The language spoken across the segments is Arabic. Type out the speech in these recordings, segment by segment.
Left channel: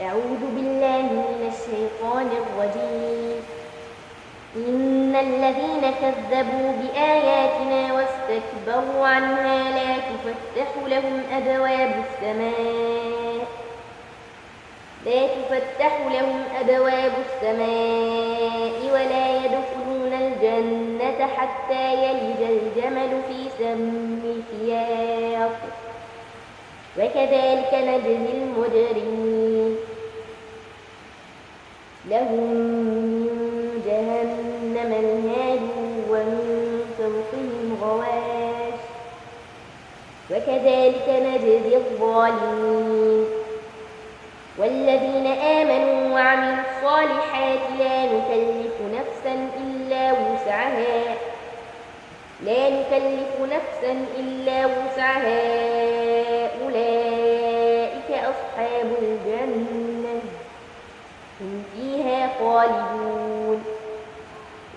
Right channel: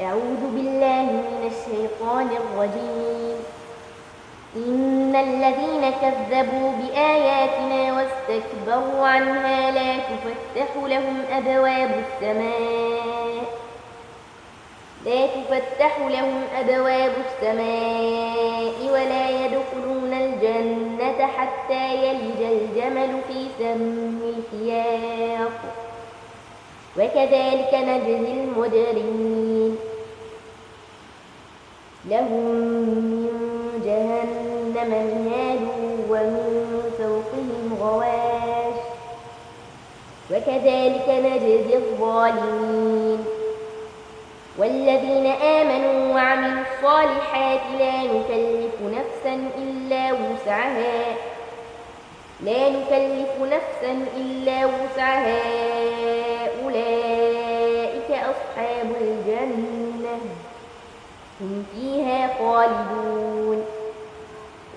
أعوذ بالله من الشيطان الرجيم. إن الذين كذبوا بآياتنا واستكبروا عنها لا تفتح لهم أبواب السماء ولا يدخلون الجنة حتى يلج الجمل في سم الخياط وكذلك نجزي المجرمين. لهم من جهنم مهاد ومن فوقهم غواش وكذلك نجزي الظالمين. والذين آمنوا وعملوا الصالحات لا نكلف نفسا إلا وسعها أولئك أصحاب الجنة هم فيها خالدون.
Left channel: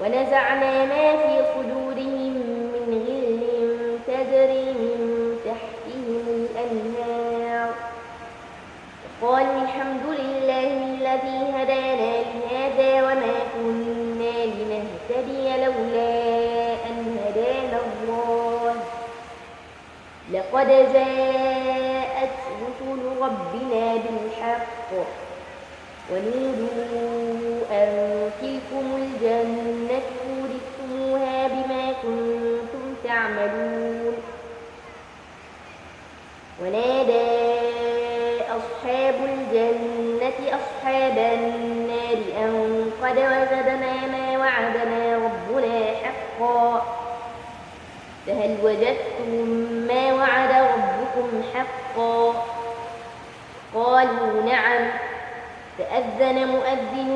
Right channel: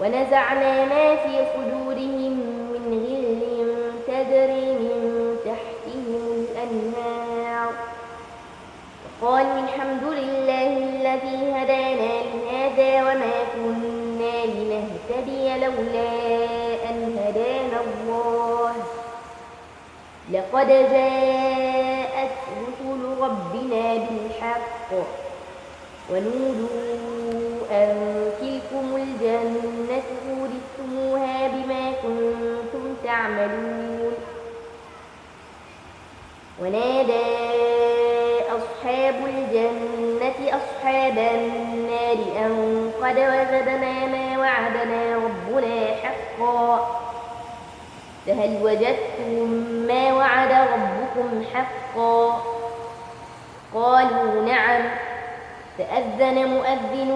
ونزعنا ما في صدورهم من غل تجري من تحتهم الأنهار وقالوا الحمد لله الذي هدانا لهذا وما كنا لنهتدي لولا أن هدانا الله لقد جاءت رسل ربنا بالحق ونودوا أن تلكم الجنة أورثتموها بما كنتم تعملون. ونادى أصحاب الجنة أصحاب النار أن قد وجدنا ما وعدنا ربنا حقا فهل وجدتم ما وعد ربكم حقا؟ قالوا نعم. فأذن مؤذن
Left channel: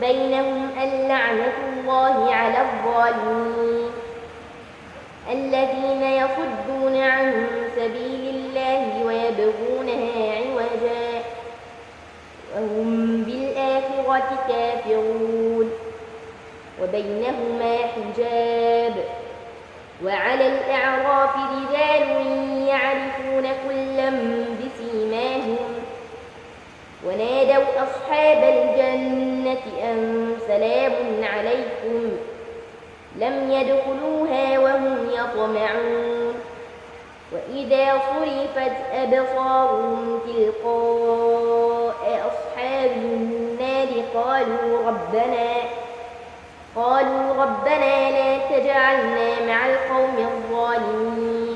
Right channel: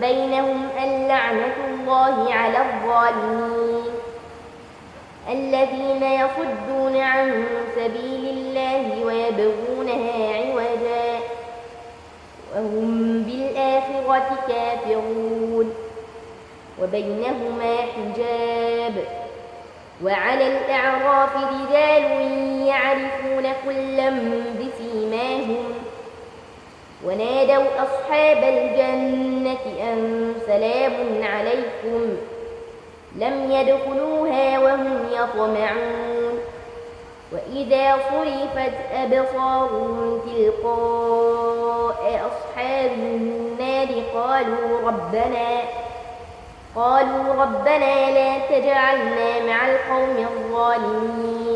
بينهم اللعنة الله على الظالمين. الذين يصدون عن سبيل الله ويبغونها عوجا وهم بالآخرة كافرون وبينهما حجاب. وعلى الأعراف رجال يعرفون كلا بسيماهم ونادوا أصحاب الجنة أن سلام عليكم لم يدخلوها وهم يطمعون. وإذا صرفت أبصارهم تلقاء أصحاب النار قالوا ربنا لا تجعلنا مع القوم الظالمين.